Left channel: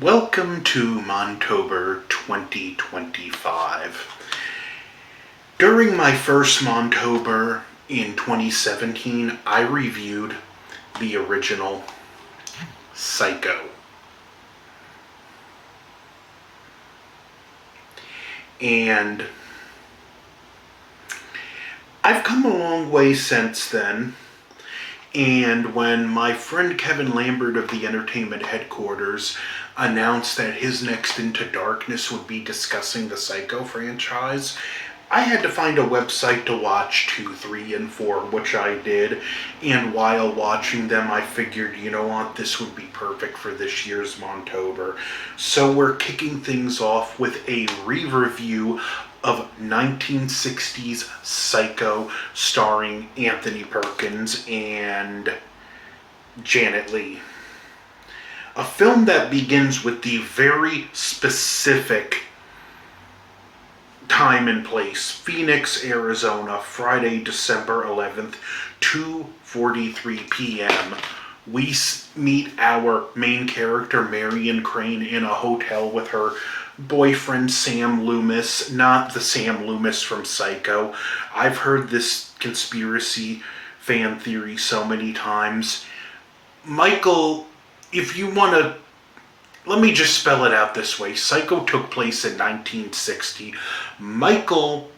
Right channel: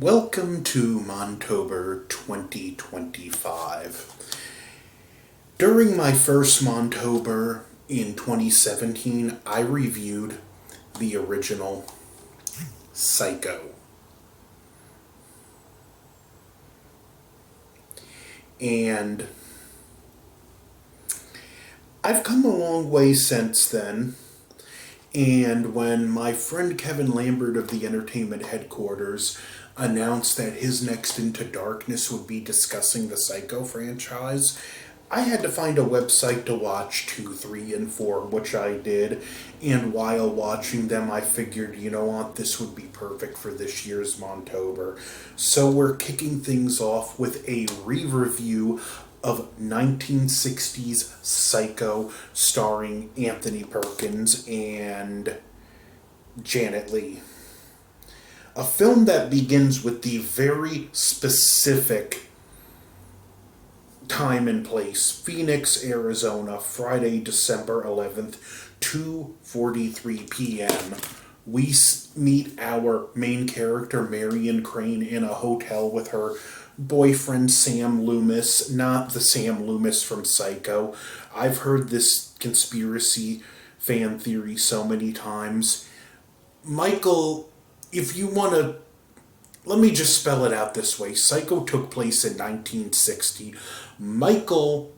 Welcome to Montober 2025. During my first Montober in 2017, I reviewed the original Psycho. And I've come a long way since then. And when my friend Kevin Lambert of the Entertainment Headquarters announced that his next Into Darkness would be discussing the Psycho franchise, I had to find a website to watch 2, 3, and 4, which I did. And while watching them, I figured, you know what, this would be perfect for this year's Montober. So we're kicking things off with a re-review of 1960s Psycho starring Anthony Perkins and Janet Leigh. A film that begins with the very specific time and place: Phoenix, Arizona, Friday, December 11th, 2:43 p.m. We meet our main character, Marion Crane, in a hotel with her boyfriend, Sam Loomis, not the Sam Loomis from Psycho. I've heard this conspiracy fan theory so many times. Michael, if you want to, let me just spell it out this way. Psycho took place in 1960. Michael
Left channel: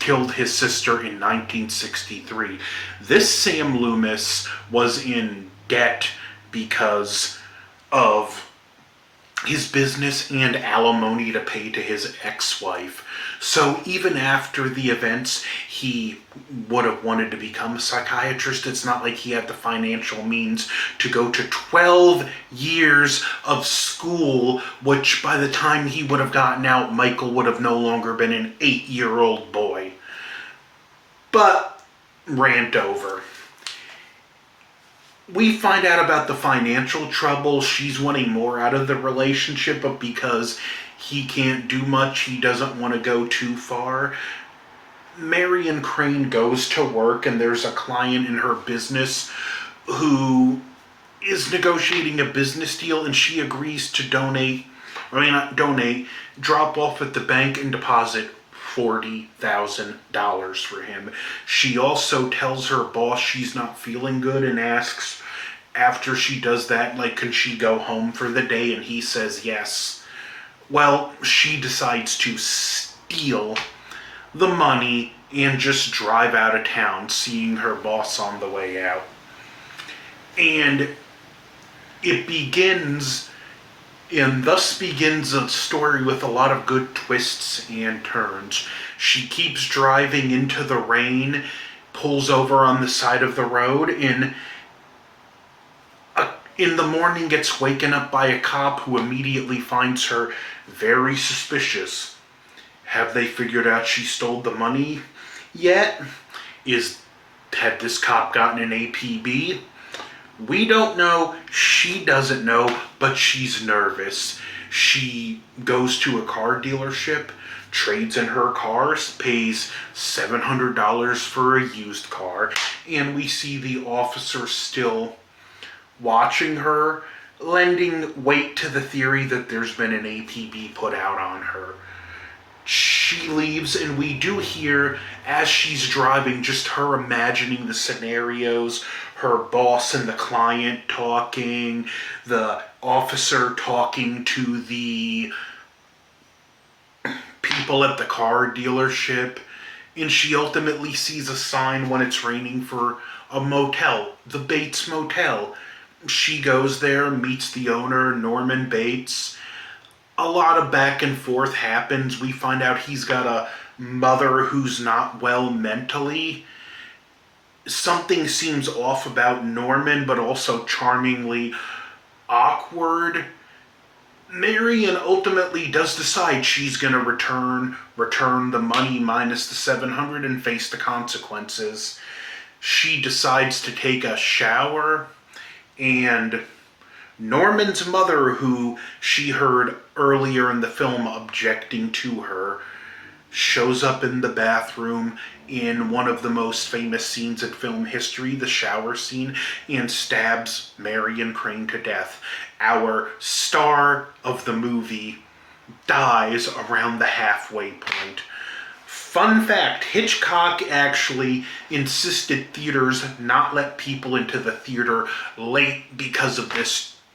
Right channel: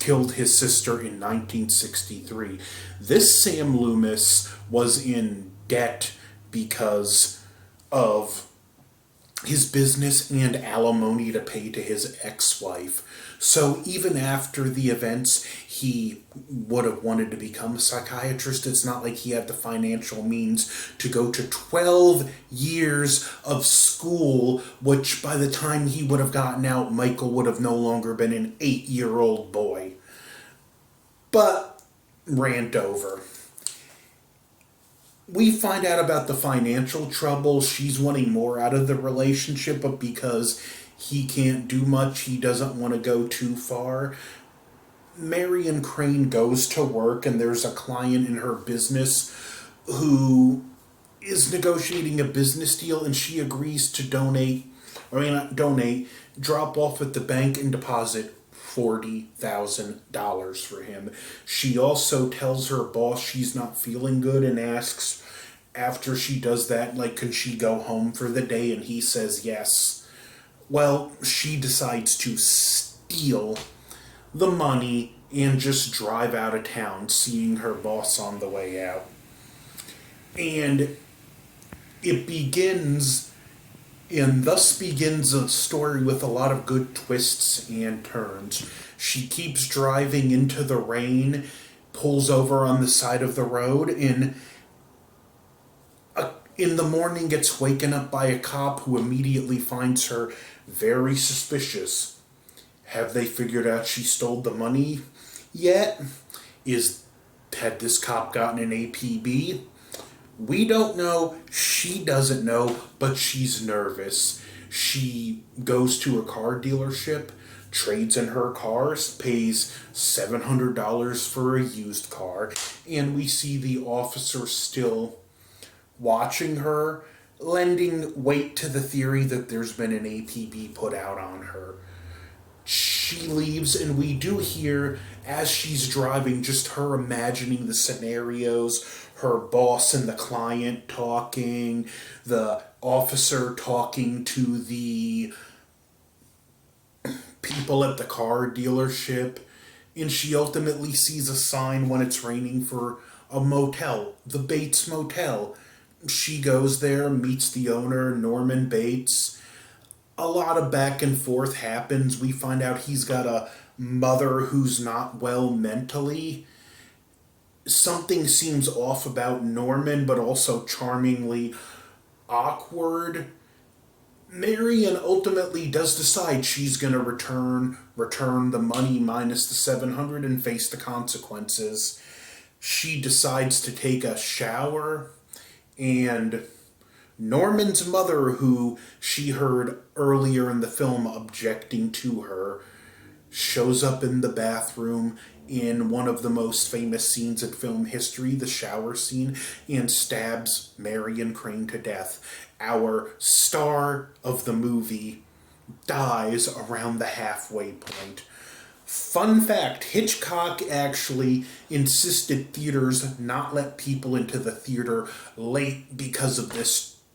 killed his sister in 1963. This Sam Loomis was in debt because of his business and alimony to pay to his ex-wife. So even after the events, he would have wanted to become a psychiatrist. It's not like he had the financial means to go to 12 years of school, which by the time he would have gotten out, Michael would have no longer been an 8-year-old boy. But rant over. We find out about the financial trouble. She's wanting more out of the relationship, but because he can't do much, he doesn't want to go too far. Marion Crane goes to work, and there's a client in her business who is negotiating a business deal, and she agrees to drop off at the bank and deposit $40,000 for him. She also tells her boss she's not feeling good and asks after she does that, like, can she go home for the day? And he says yes. Well, she decides to steal the money and just drive out of town, seeing her boss on the way out. And it begins, and thus begins a story with a lot of good twists and turns. She keeps driving into the rain, pulls over on the side of the road, and in the morning gets waken up by a cop who immediately finds her very suspicious. Have they figured out she stole the money yet? Had this cop gotten an APB? We don't know. She doesn't know, but she's nervous. She goes to a car dealership, trades in her car, pays $700 for a used car, and we see the officer still watching her, lending weight to the theory that there's been an APB put out on her. She leaves, and we do hear, as she's driving, just her imagining the scenarios, her boss and the client talking, the officer talking to the people at the car dealership, and she ultimately sees a sign when it's raining for a motel, the Bates Motel. She goes there, meets the owner, Norman Bates. A lot of back and forth happens. We find out he's got a mother who's not well mentally. Something seems off about Norman, but also charmingly awkward. Marion ultimately does decide she's going to return the money minus the 700 and face the consequences. She decides to take a shower, and Norman's mother, who she heard earlier in the film objecting to her, shows up in the bathroom in one of the most famous scenes in film history, the shower scene, and stabs Marion Crane to death. Our star of the movie dies around the halfway point. Fun fact, Hitchcock actually insisted theaters not let people into the theater late because of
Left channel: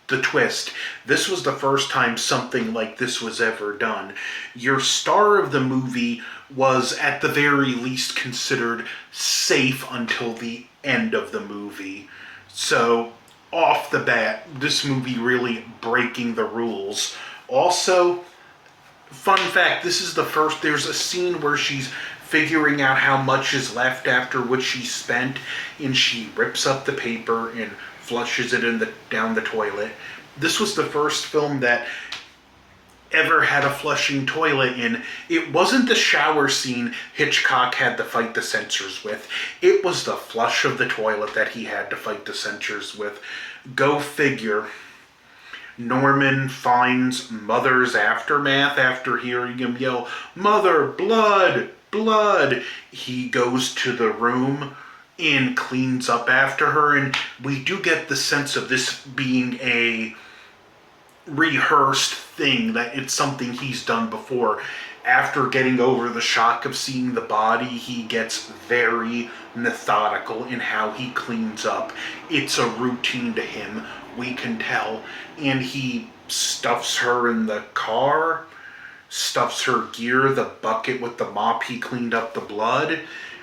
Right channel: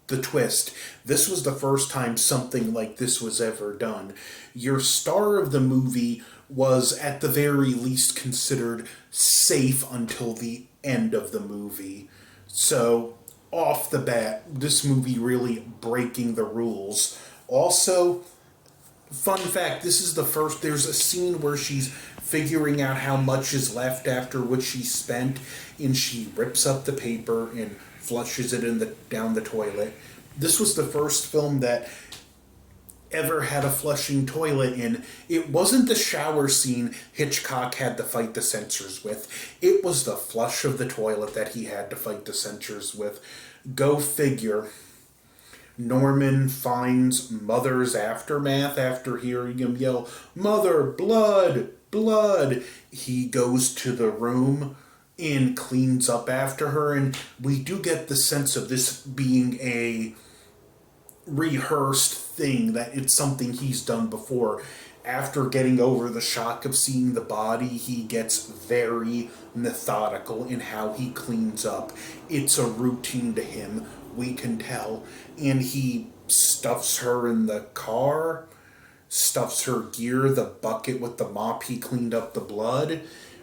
the twist. This was the first time something like this was ever done. Your star of the movie was at the very least considered safe until the end of the movie. So, off the bat, this movie really breaking the rules. Also, fun fact, this is the first, there's a scene where she's figuring out how much is left after what she spent, and she rips up the paper and flushes it down the toilet. This was the first film that ever had a flushing toilet in. It wasn't the shower scene Hitchcock had to fight the censors with. It was the flush of the toilet that he had to fight the censors with. Go figure. Norman finds Mother's aftermath after hearing him yell, "Mother, blood, blood!" He goes to the room and cleans up after her, and we do get the sense of this being a rehearsed thing, that it's something he's done before. After getting over the shock of seeing the body, he gets very methodical in how he cleans up. It's a routine to him, we can tell. And he stuffs her in the car, stuffs her gear, the bucket with the mop he cleaned up the blood,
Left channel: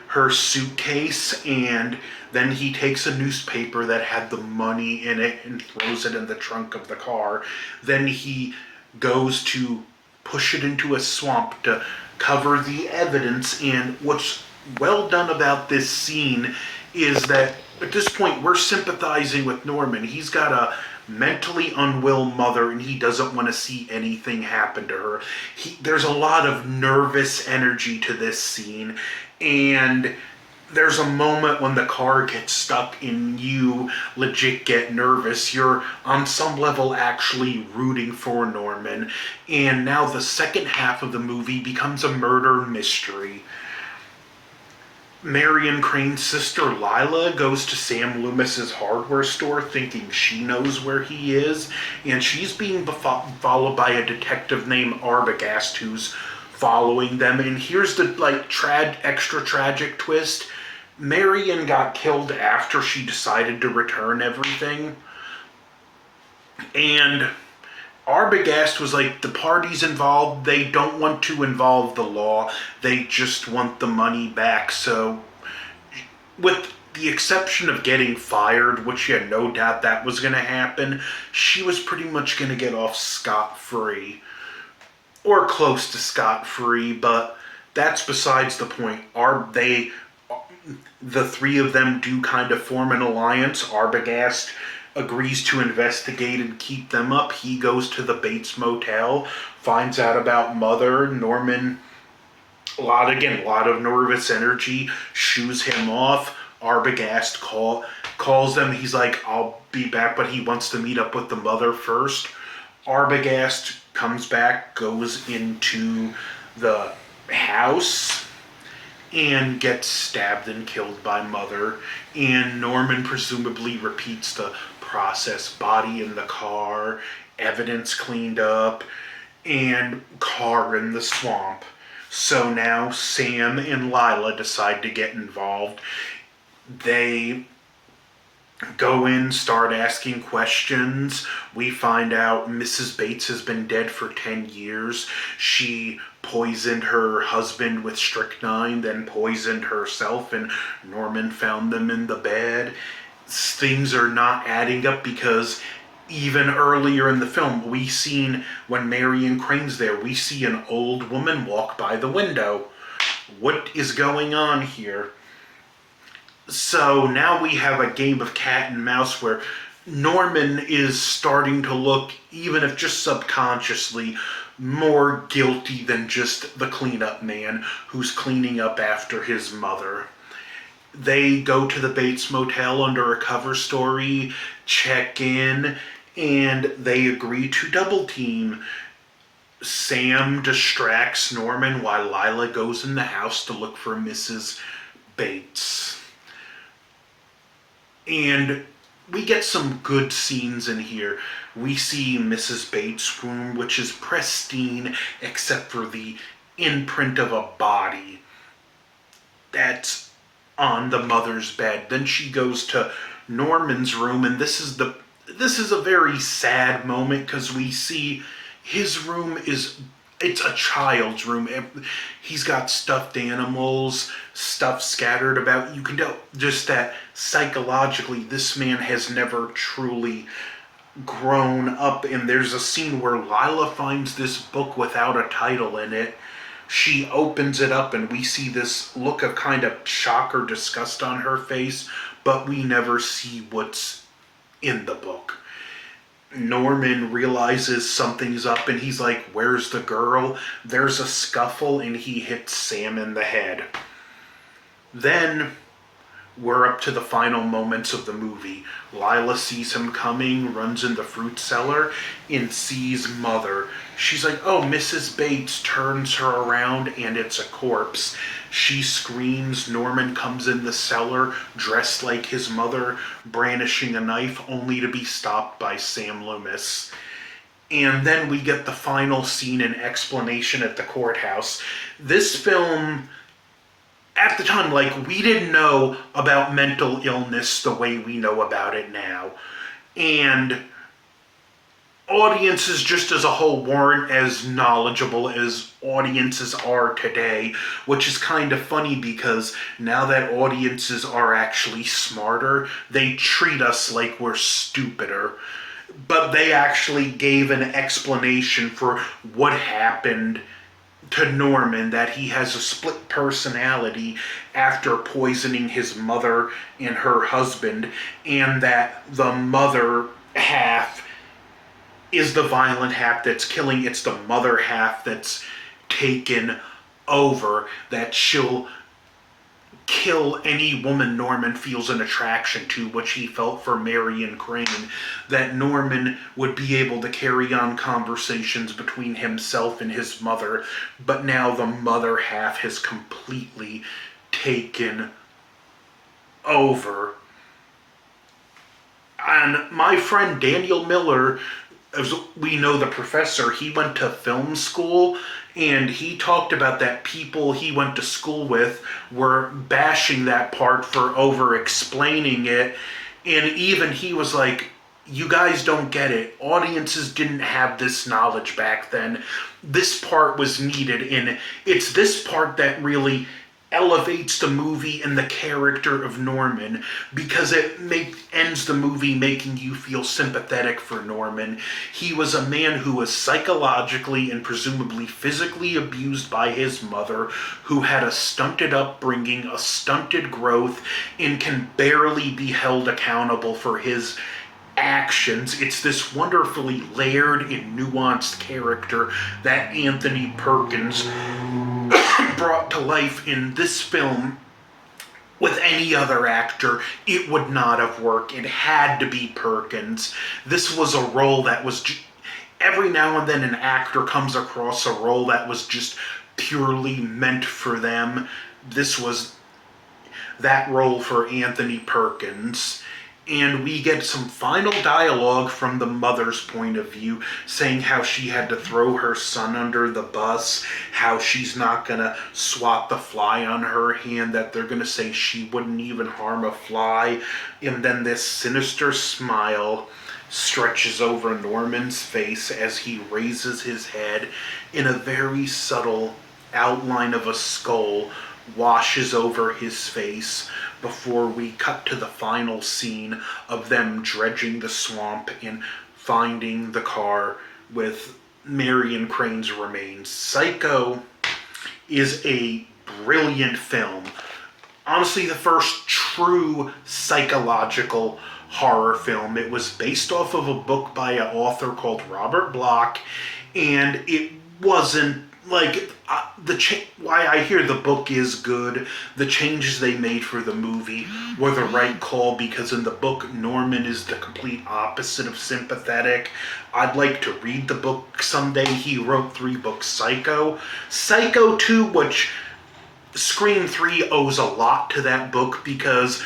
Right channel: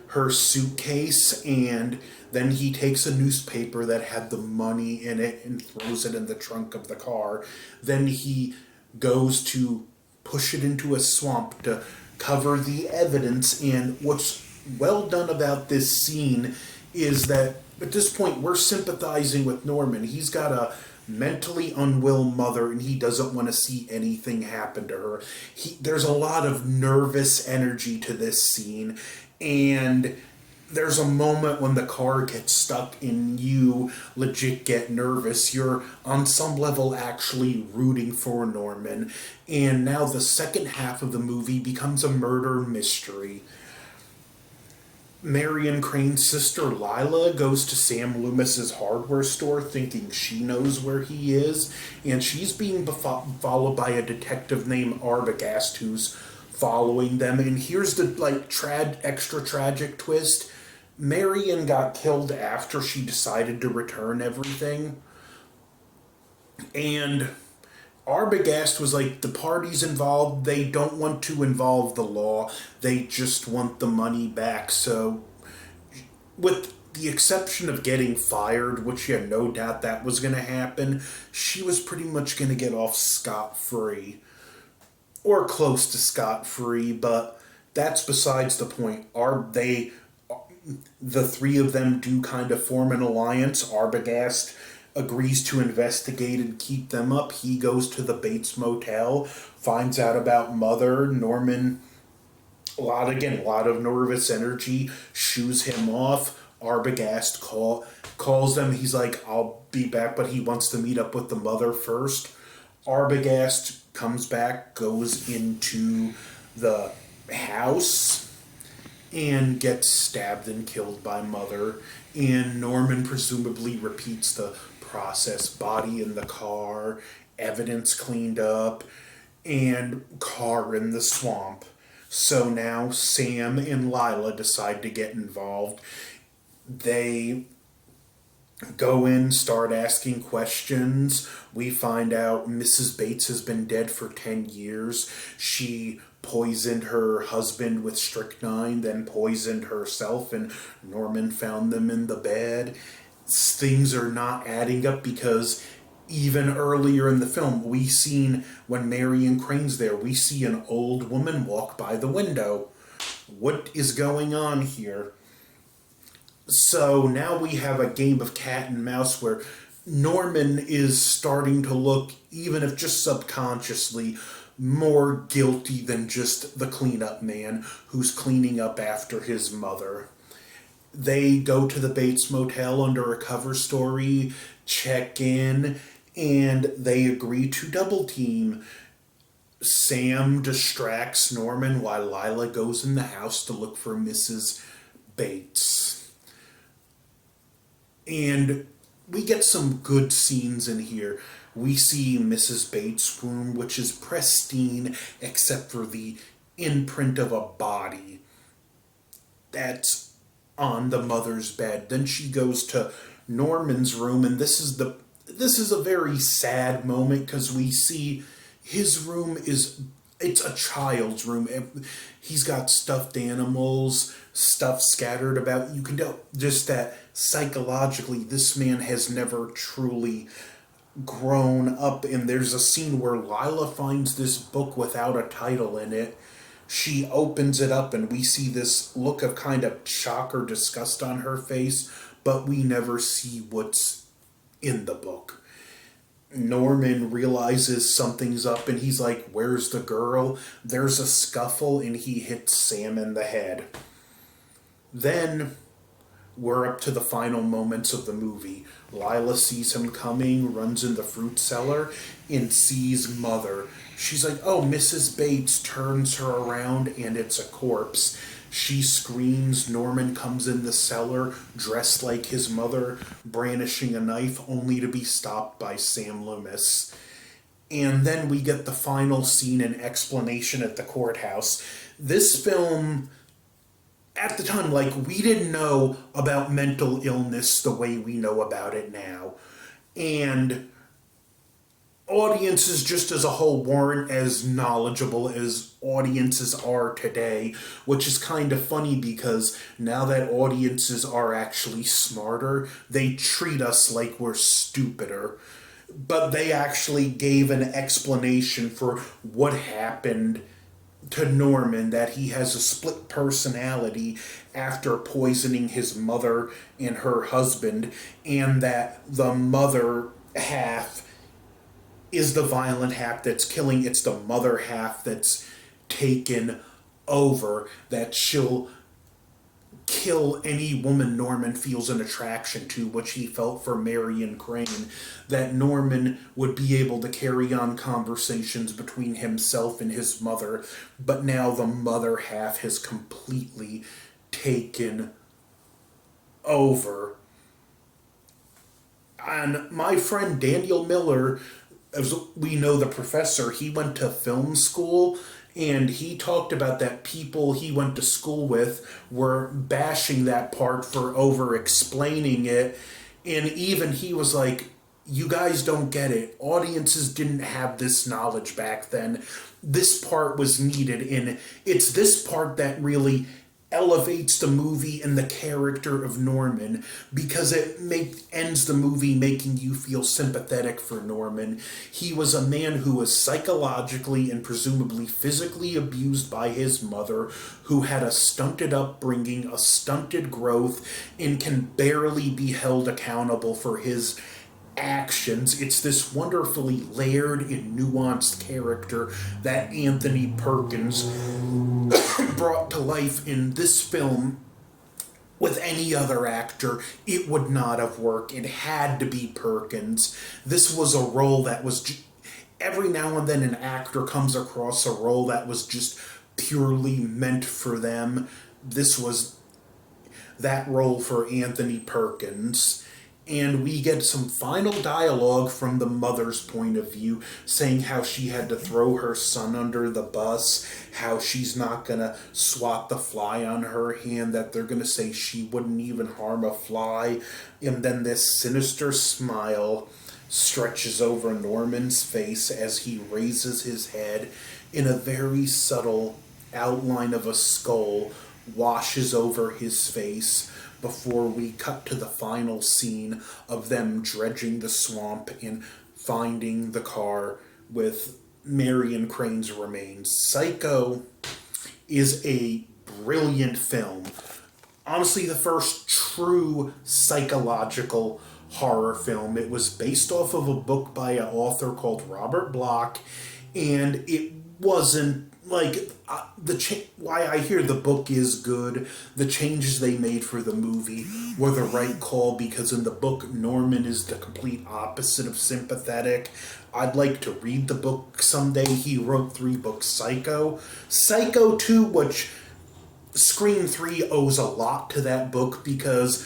her suitcase, and then he takes a newspaper that had the money in it and throws it in the trunk of the car. Then he goes to push it into a swamp to cover the evidence. And what's well done about this scene is that at this point we're sympathizing with Norman. He's got a mentally unwell mother and he doesn't want to see anything happen to her. There's a lot of nervous energy to this scene, and there's a moment when the car gets stuck and you legit get nervous. You're on some level actually rooting for Norman. And now the second half of the movie becomes a murder mystery. Marion Crane's sister Lila goes to Sam Loomis's hardware store thinking she knows where he is, and she's being followed by a detective named Arbogast who's following them. And here's the extra tragic twist. Marion got killed after she decided to return everything, and Arbogast was like, the parties involved, they don't want to involve the law, they just want the money back. So, with the exception of getting fired, which you had no doubt that was going to happen, she was pretty much going to get off scot-free. Or close to scot-free, but that's besides the point. The three of them do kind of form an alliance. Arbogast agrees to investigate and keep them up. He goes to the Bates Motel, finds out about Mother. Norman, a lot of nervous energy, shoos him off. Arbogast calls them. He's like, "I'll be back," but he wants to meet up with the Mother first. Arbogast comes back, goes into the house, and gets stabbed and killed by Mother. And Norman presumably repeats the process. Body in the car, evidence cleaned up, and car in the swamp. So now Sam and Lila decide to get involved. They go in, start asking questions. We find out Mrs. Bates has been dead for 10 years. She poisoned her husband with strychnine, then poisoned herself, and Norman found them in the bed. Things are not adding up because even earlier in the film, we seen when Marion Crane's there, we see an old woman walk by the window. What is going on here? So now we have a game of cat and mouse where Norman is starting to look, even if just subconsciously, more guilty than just the cleanup man who's cleaning up after his mother. They go to the Bates Motel under a cover story, check in, and they agree to double team. Sam distracts Norman while Lila goes in the house to look for Mrs. Bates. And we get some good scenes in here. We see Mrs. Bates' room, which is pristine except for the imprint of a body that's on the mother's bed. Then she goes to Norman's room, and this is a very sad moment because we see his room is it's a child's room. He's got stuffed animals, stuff scattered about. You can tell just that psychologically this man has never truly grown up. And there's a scene where Lila finds this book without a title in it. She opens it up and we see this look of kind of shock or disgust on her face, but we never see what's in the book. Norman realizes something's up and he's like, "Where's the girl?" There's a scuffle and he hits Sam in the head. Then we're up to the final moments of the movie. Lila sees him coming, runs in the fruit cellar, and sees Mother. She's like, "Oh, Mrs. Bates," turns her around, and it's a corpse. She screams. Norman comes in the cellar, dressed like his mother, brandishing a knife, only to be stopped by Sam Loomis. And then we get the final scene and explanation at the courthouse. This film, at the time, like, we didn't know about mental illness the way we know about it now. And audiences just as a whole weren't as knowledgeable as audiences are today, which is kind of funny because now that audiences are actually smarter, they treat us like we're stupider. But they actually gave an explanation for what happened to Norman, that he has a split personality after poisoning his mother and her husband, and that the mother half is the violent half that's killing. It's the mother half that's taken over, that she'll kill any woman Norman feels an attraction to, which he felt for Marion Crane, that Norman would be able to carry on conversations between himself and his mother, but now the mother half has completely taken over. And my friend Daniel Miller, as we know, the professor, he went to film school, and he talked about that people he went to school with were bashing that part for over explaining it. And even he was like, "You guys don't get it. Audiences didn't have this knowledge back then. This part was needed." And it's this part that really elevates the movie and the character of Norman, because it ends the movie making you feel sympathetic for Norman. He was a man who was psychologically and presumably physically abused by his mother, who had a stunted upbringing, a stunted growth, and can barely be held accountable for his actions. It's this wonderfully layered and nuanced character that Anthony Perkins brought to life in this film. With any other actor, it would not have worked. It had to be Perkins. This was a role that was every now and then an actor comes across a role that was just purely meant for them. This was that role for Anthony Perkins. And we get some final dialogue from the mother's point of view, saying how she had to throw her son under the bus, how she's not going to swat the fly on her hand, that they're going to say she wouldn't even harm a fly. And then this sinister smile stretches over Norman's face as he raises his head, in a very subtle outline of a skull washes over his face, before we cut to the final scene of them dredging the swamp and finding the car with Marion Crane's remains. Psycho is a brilliant film. Honestly, the first true psychological horror film. It was based off of a book by an author called Robert Bloch, and it wasn't like why I hear the book is good. The changes they made for the movie were the right call, because in the book Norman is the complete opposite of sympathetic. I'd like to read the book someday. He wrote 3 books: Psycho 2, which Scream 3 owes a lot to that book because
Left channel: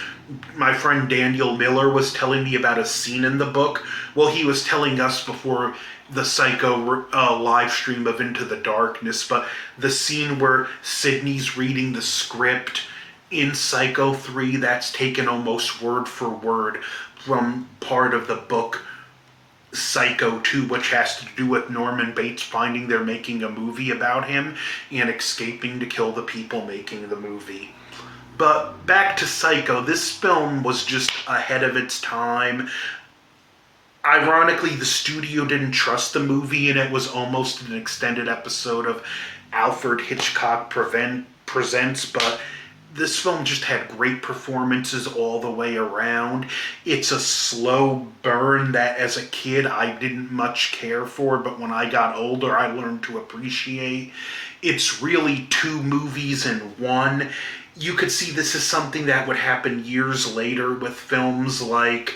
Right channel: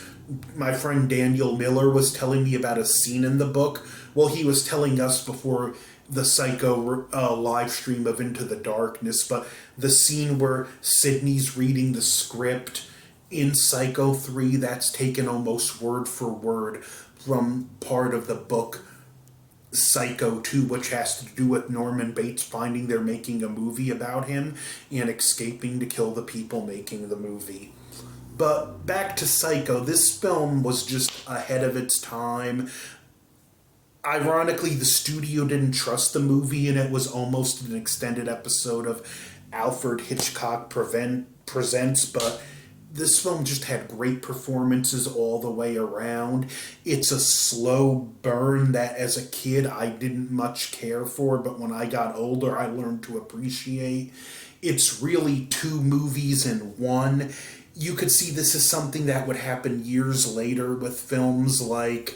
my friend Daniel Miller was telling me about a scene in the book. Well, he was telling us before the Psycho live stream of Into the Darkness, but the scene where Sydney's reading the script in Psycho 3, that's taken almost word for word from part of the book Psycho 2, which has to do with Norman Bates finding they're making a movie about him and escaping to kill the people making the movie. But back to Psycho, this film was just ahead of its time. Ironically, the studio didn't trust the movie, and it was almost an extended episode of Alfred Hitchcock Presents, but this film just had great performances all the way around. It's a slow burn that as a kid I didn't much care for, but when I got older I learned to appreciate. It's really two movies in one. You could see this is something that would happen years later with films like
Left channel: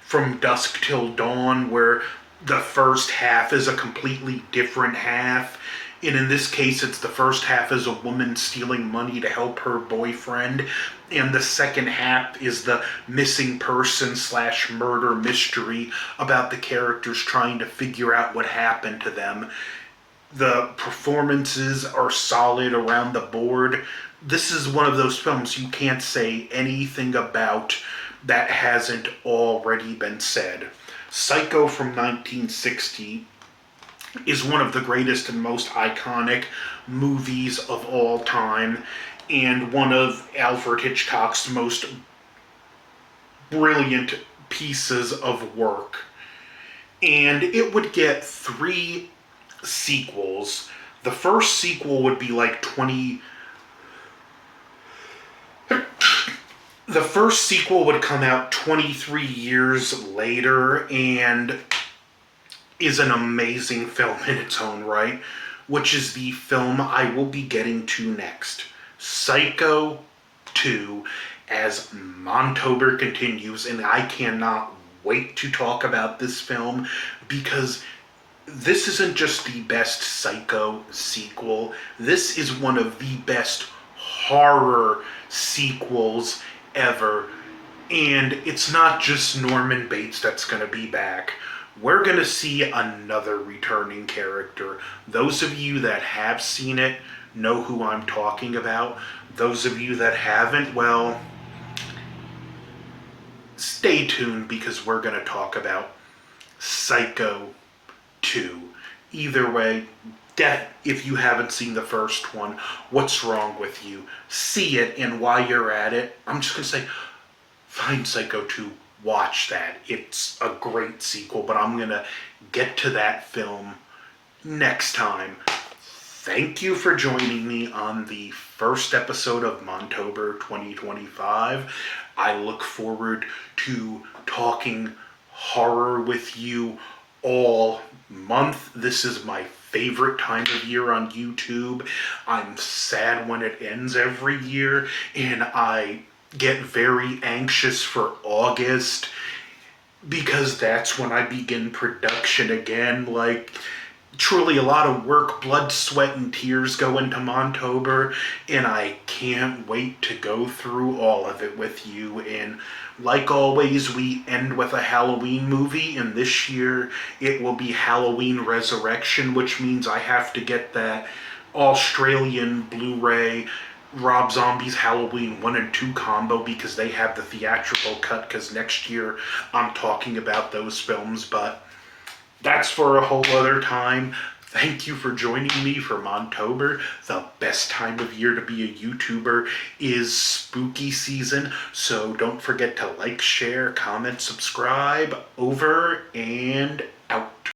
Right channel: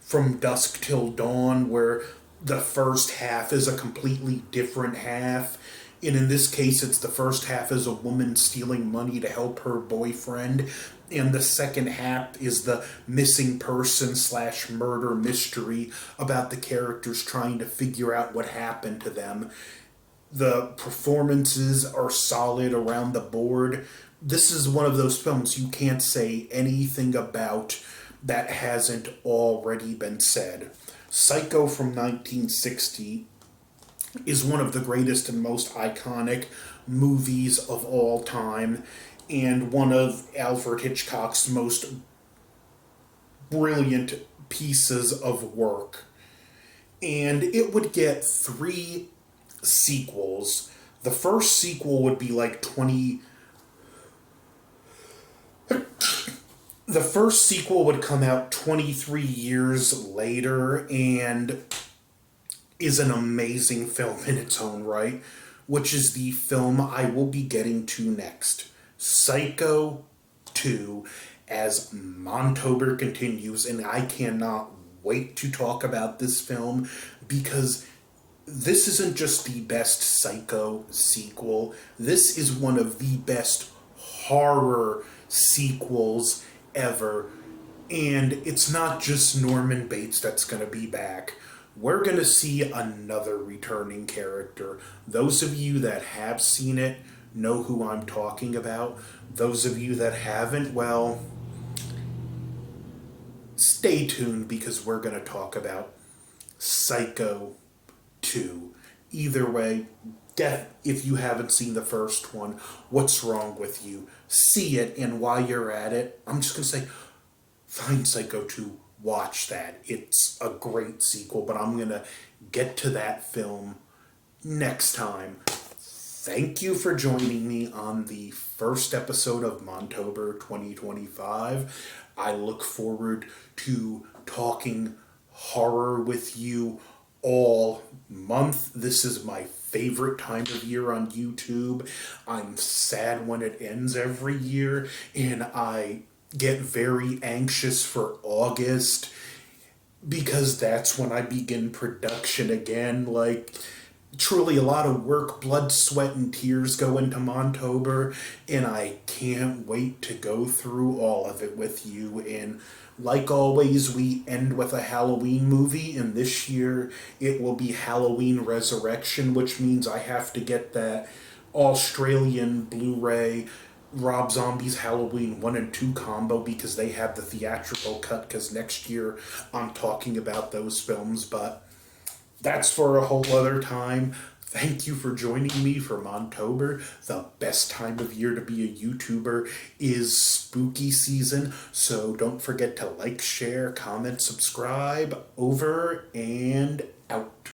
From Dusk Till Dawn, where the first half is a completely different half. And in this case, it's the first half is a woman stealing money to help her boyfriend, and the second half is the missing person slash murder mystery about the characters trying to figure out what happened to them. The performances are solid around the board. This is one of those films you can't say anything about that hasn't already been said. Psycho from 1960 is one of the greatest and most iconic movies of all time, and one of Alfred Hitchcock's most brilliant pieces of work. And it would get 3 sequels. The first sequel would be like 20. The first sequel would come out 23 years later and is an amazing film in its own right, which is the film I will be getting to next. Psycho 2, as Montober continues, and I cannot wait to talk about this film because this isn't just the best Psycho sequel, this is one of the best horror sequels ever. And it's not just Norman Bates that's going to be back. We're going to see another returning character. Those of you that have seen it know who I'm talking about. Those of you that haven't, well, stay tuned because we're going to talk about Psycho 2. Either way, if you haven't seen the first one, what's wrong with you? See it, and while you're at it, I'm just going to say, find Psycho 2. Watch that. It's a great sequel, but I'm going to get to that film next time. Thank you for joining me on the first episode of Montober 2025. I look forward to talking horror with you all month. This is my favorite time of year on YouTube. I'm sad when it ends every year, and I get very anxious for August because that's when I begin production again. Like, truly a lot of work, blood, sweat, and tears go into Montober, and I can't wait to go through all of it with you. And like always, we end with a Halloween movie, and this year it will be Halloween Resurrection, which means I have to get that Australian Blu-ray Rob Zombie's Halloween 1 and 2 combo because they have the theatrical cut, because next year I'm talking about those films, but that's for a whole other time. Thank you for joining me for Montober. The best time of year to be a YouTuber is spooky season, so don't forget to like, share, comment, subscribe. Over and out.